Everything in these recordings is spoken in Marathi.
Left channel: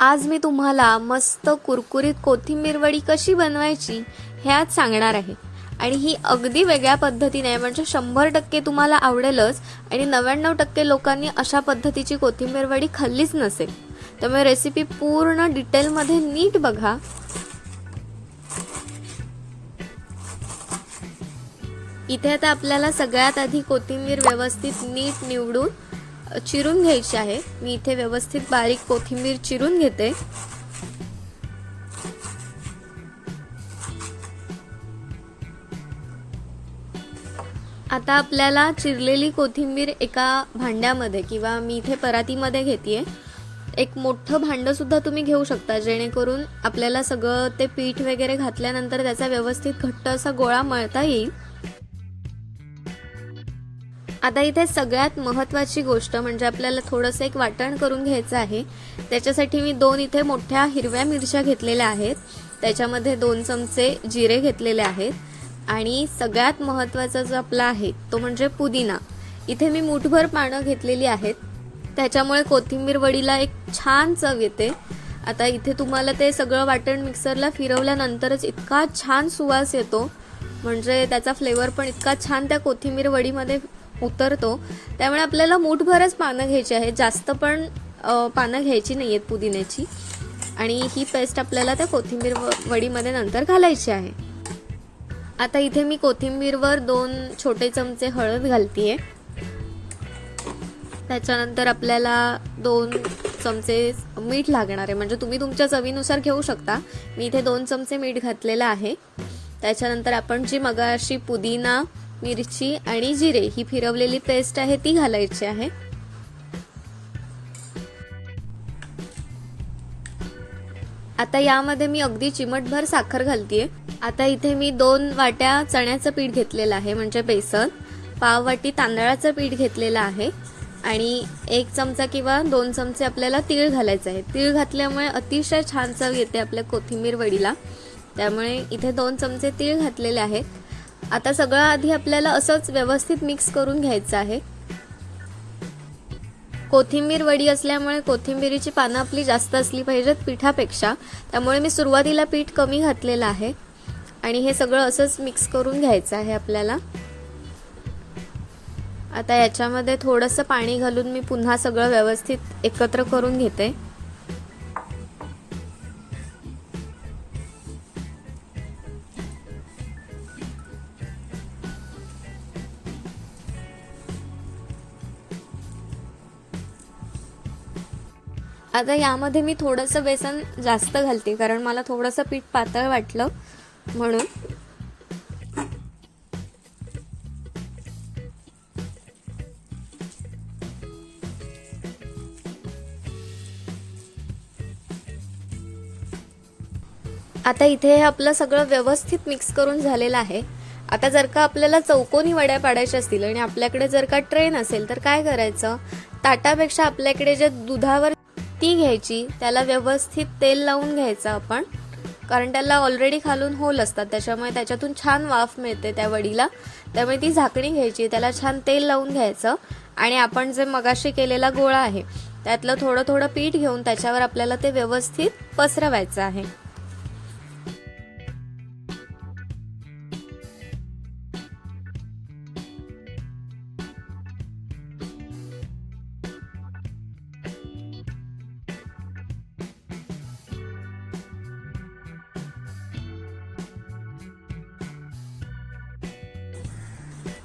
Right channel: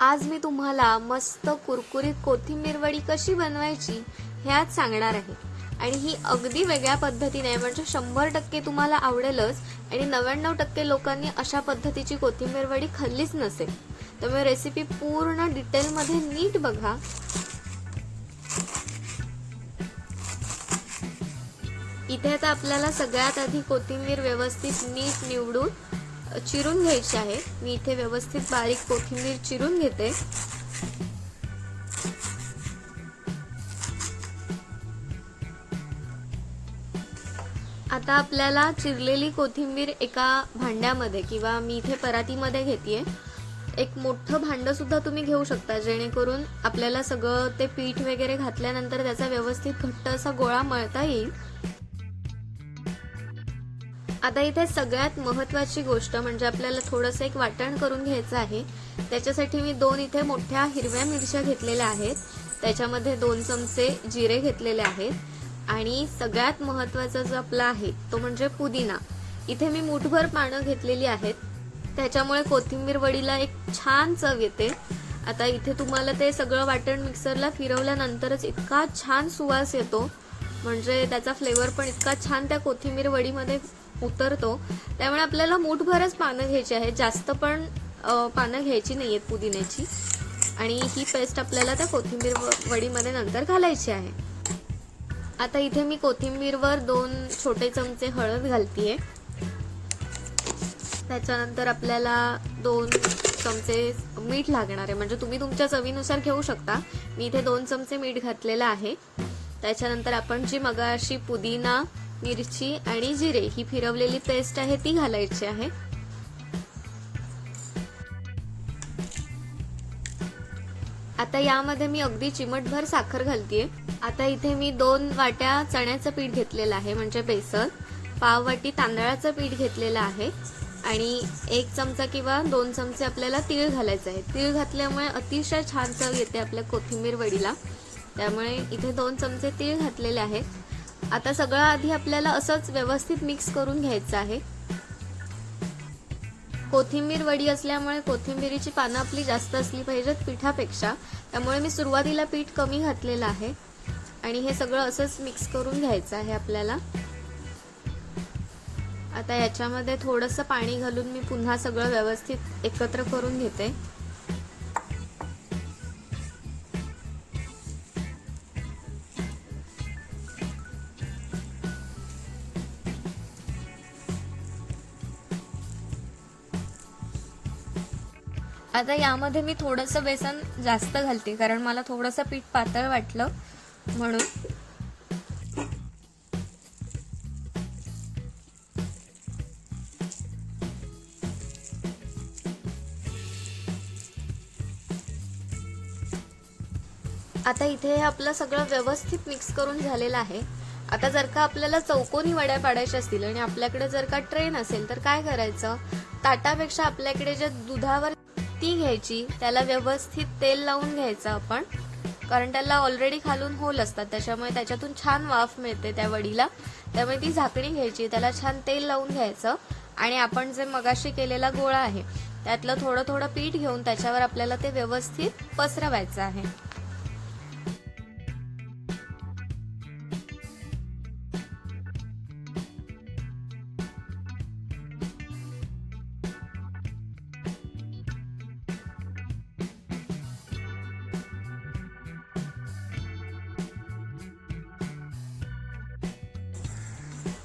आज मी तुम्हाला मस्त कुरकुरीत कोथिंबीर वडी कशी बनवायची हे आज सांगणार आहे. आणि ही अगदी वेगळ्या पद्धतीने म्हणजे शंभर टक्के तुम्हाला आवडेलच आणि नव्याण्णव टक्के लोकांनी अशा पद्धतीची कोथिंबीर वडी खाल्लीच नसेल. त्यामुळे रेसिपी पूर्ण डिटेलमध्ये नीट बघा. इथे आता आपल्याला सगळ्यात आधी कोथिंबीर व्यवस्थित नीट निवडून चिरून घ्यायची आहे. मी इथे व्यवस्थित बारीक कोथिंबीर चिरून घेते. आता आपल्याला चिरलेली कोथिंबीर एका भांड्यामध्ये किंवा मी इथे परातीमध्ये घेतेय. एक मोठं भांडं सुद्धा तुम्ही घेऊ शकता जेणेकरून आपल्याला सगळं ते पीठ वगैरे घातल्यानंतर त्याचा व्यवस्थित घट्ट असा गोळा मळता येईल. आता इथे सगळ्यात महत्वाची गोष्ट म्हणजे आपल्याला थोडंसं एक वाटण करून घ्यायचं आहे. त्याच्यासाठी मी दोन इथे मोठ्या हिरव्या मिरच्या घेतलेल्या आहेत. त्याच्यामध्ये दोन चमचे जिरे घेतलेले आहेत. आणि सगळ्यात महत्त्वाचा जो आपला आहे तो म्हणजे पुदिना. इथे मी मुठभर पानं घेतलेली आहेत. त्याच्यामुळे कोथिंबीर वडीला एक छान चव येते. आता इथे तुम्हाला ते सगळं वाटण मिक्सरला फिरवल्यानंतरच इतका छान सुवास येतो. म्हणजे त्याचा फ्लेवर पण इतका छान त्या कोथिंबीर वडीमध्ये उतरतो. त्यामुळे आपल्याला मूठभरच पानं घ्यायची आहेत. जास्त पण पानं घ्यायची नाही आहेत पुदिन्याची. आणि ही पेस्ट आपल्याला त्या कोथिंबीर वडीमध्ये नंतर घालायची आहे. आता इथे मी कोथिंबीरवर दोन छोटे चमचे हळद घालतीये. त्याच्यानंतर आपल्याला दोन चमचे मीठ लागणार आहे. म्हणजे तुम्ही तुमच्या चवीनुसार घेऊ शकता. मी इथे दोन चमचे मीठ घातलेलं आहे. त्याच्यानंतर आपण जी मगाशी पुदिना मिरची आणि जिरे ही फिरवलेली पेस्ट आहे ती घालायची आहे. आता यामध्ये मी अगदी चिमटभर साखर घालतीये. आता इथे मी दोन वाट्या चण्याचं पीठ घेतलेलं आहे म्हणजे बेसन पाव वाटी तांदळाचं पीठ घेतलेलं आहे आणि एक चमचा किंवा दोन चमचे आपल्याला तीळ घालायचं आहे. तीळ घातल्यामुळे अतिशय छान चव येते आपल्या कोथिंबीर वडीला. त्यामुळे इथे दोन चमचे तीळ घातलेले आहेत. आता सगळं आधी आपल्याला असंच व्यवस्थित मिक्स करून घ्यायचं आहे. कोथिंबीर वडी असल्यामुळे कोथिंबीरीची पानं आपली जास्त असली पाहिजेत पिठापेक्षा. त्यामुळे मी सुरुवातीला पीठ कमी घातलेलं आहे. आणि हे सगळं असंच मिक्स करून घ्यायचं आहे आपल्याला. आता याच्यामध्ये थोडंसं पाणी घालून मी पुन्हा सगळं व्यवस्थित एकत्र करून घेते. आता यामध्ये मी थोडंसं बेसन जास्त घालते कारण मला थोडंसं पीठ पातळ वाटलं म्हणून. आता इथे हे आपलं सगळं व्यवस्थित मिक्स करून झालेलं आहे. आता जर का आपल्याला चौकोनी वड्या पाडायच्या असतील आणि आपल्याकडे जर का ट्रेन असेल तर काय करायचं? ताटापेक्षा आपल्याकडे जे दुधावर ती घ्यायची त्याला व्यवस्थित तेल लावून घ्यायचं आपण. कारण त्याला ऑलरेडी खालून होल असतात त्याच्यामुळे त्याच्यातून छान वाफ मिळते त्या वडीला. त्यामुळे ती झाकणी घ्यायची त्याला छान तेल लावून घ्यायचं. आणि आपण जे मगाशी केलेला गोळा आहे त्यातलं थोडं थोडं पीठ घेऊन त्याच्यावर आपल्याला ते व्यवस्थित पसरवायचं आहे.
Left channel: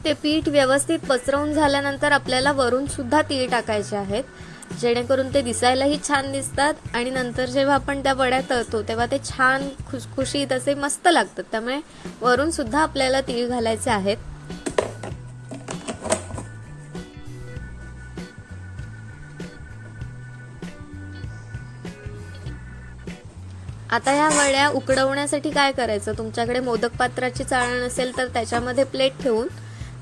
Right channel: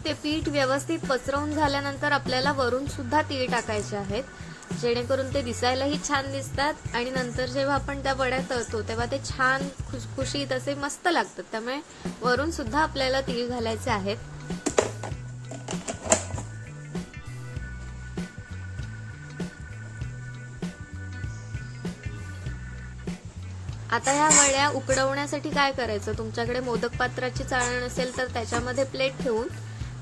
ते पीठ व्यवस्थित पसरवून झाल्यानंतर आपल्याला वरून सुद्धा तीळ टाकायचे आहेत. जेणेकरून ते दिसायलाही छान दिसतात आणि नंतर जेव्हा आपण त्या वड्या तळतो तेव्हा ते छान खुशखुशीत असे मस्त लागतात. त्यामुळे वरून सुद्धा आपल्याला तीळ घालायचे आहेत. आता ह्या वड्या उकडवण्यासाठी काय करायचं? तुमच्याकडे मोदक पात्राची चाळण असेल तर त्याच्यामध्ये प्लेट ठेवून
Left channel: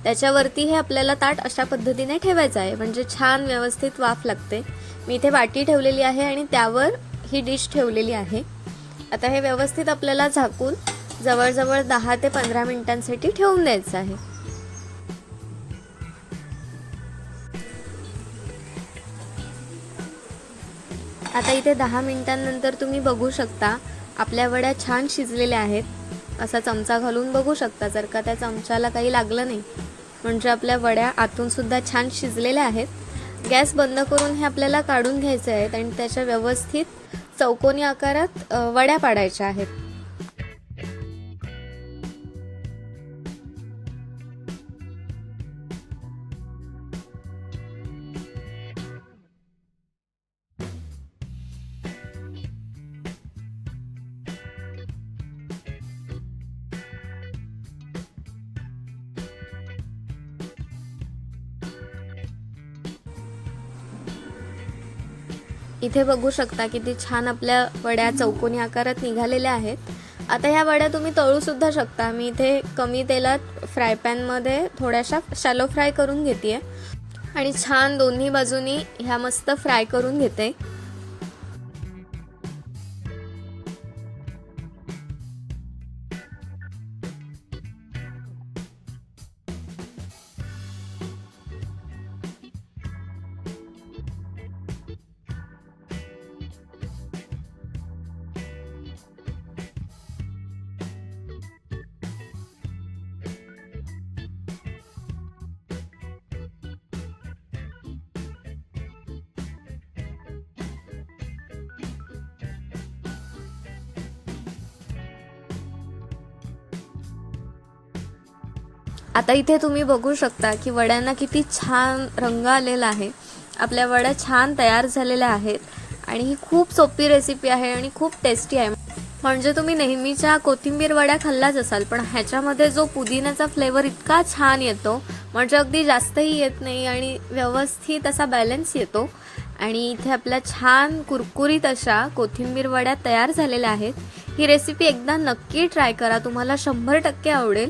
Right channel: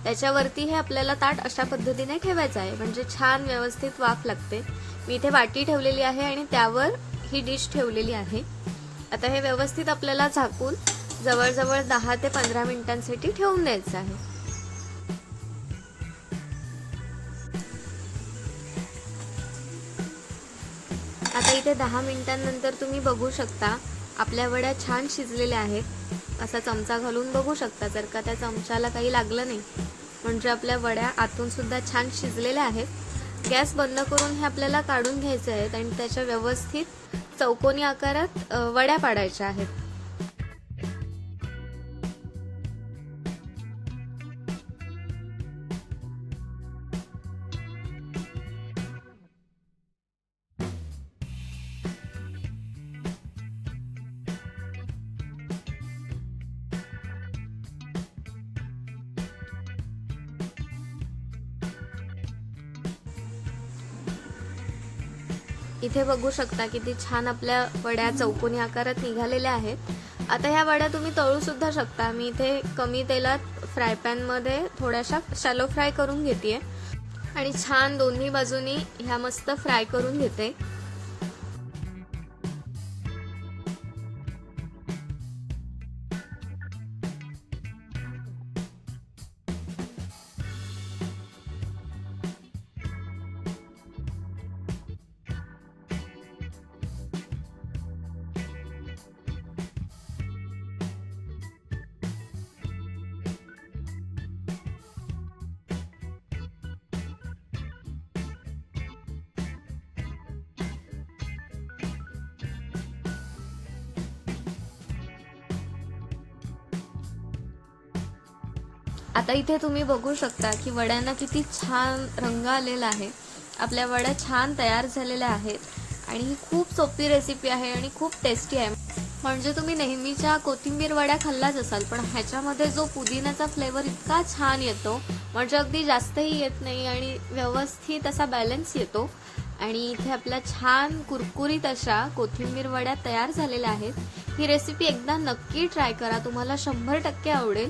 त्याच्यावरती हे आपल्याला ताट अशा पद्धतीने ठेवायचं आहे. म्हणजे छान व्यवस्थित वाफ लागते. मी इथे वाटी ठेवलेली आहे आणि त्यावर ही डिश ठेवलेली आहे. आता हे व्यवस्थित आपल्याला झाकून जवळजवळ दहा ते पंधरा मिनिटांसाठी ठेवून द्यायचं आहे. आता इथे दहा मिनिटांनंतर तुम्ही बघू शकता आपल्या वड्या छान शिजलेल्या आहेत. असा चमचा घालून बघू शकता जर का त्या चमच्याला काही लागलं नाही. म्हणजे आपल्या वड्या आतून सुद्धा छान शिजलेल्या आहेत. गॅस बंद करून हे आपल्याला काढून घ्यायचे आहेत आणि त्याच्या व्यवस्थित चौकोनी आकारात वड्या पाडायच्या आहेत. इथे बघू शकता किती छान आपल्या वड्या चौकोनी आकारात निघालेल्या आहेत. आता ह्या वड्या तुम्ही तळू सुद्धा शकता. मी इथे कमी तेलात फ्राय पॅनमध्ये थोड्याशा शॅलो फ्राय करून घेते आणि छान दोन्ही बाजूनी ह्या मस्त फ्राय करून घेते. आता इथे तुम्ही बघू शकता की वड्यांना किती छान रंग आलेला आहे. आपल्या वड्या छान तयार झालेल्या आहेत. आणि ही खूप सोपी रेसिपी आहे आणि खूप टेस्टी आहे. म्हणजे तुम्ही नेहमीच्या कोथिंबीर वड्या खाल्लाच असाल पण ह्याच्यामध्ये जो पुदिन्याचा फ्लेवर इतका छान येतो म्हणजे अगदी जास्तही येत नाही आणि व्यवस्थित असा बॅलन्स येतो. आणि इथे आपल्या छान कुरकुरीत अशा कोथिंबीर वड्या तयार झालेल्या आहेत. ही रेसिपी एकदा नक्की ट्राय करा. तुम्हाला शंभर टक्के आवडेल.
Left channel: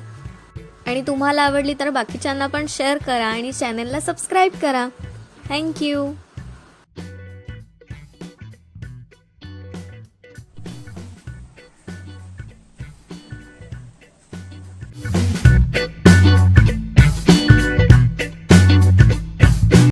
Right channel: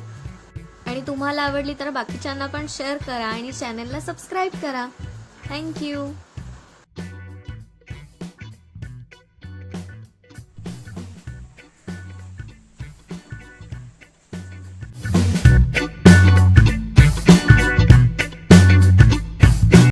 आणि तुम्हाला आवडली तर बाकीच्यांना पण शेअर करा आणि चॅनलला सबस्क्राईब करा. थँक्यू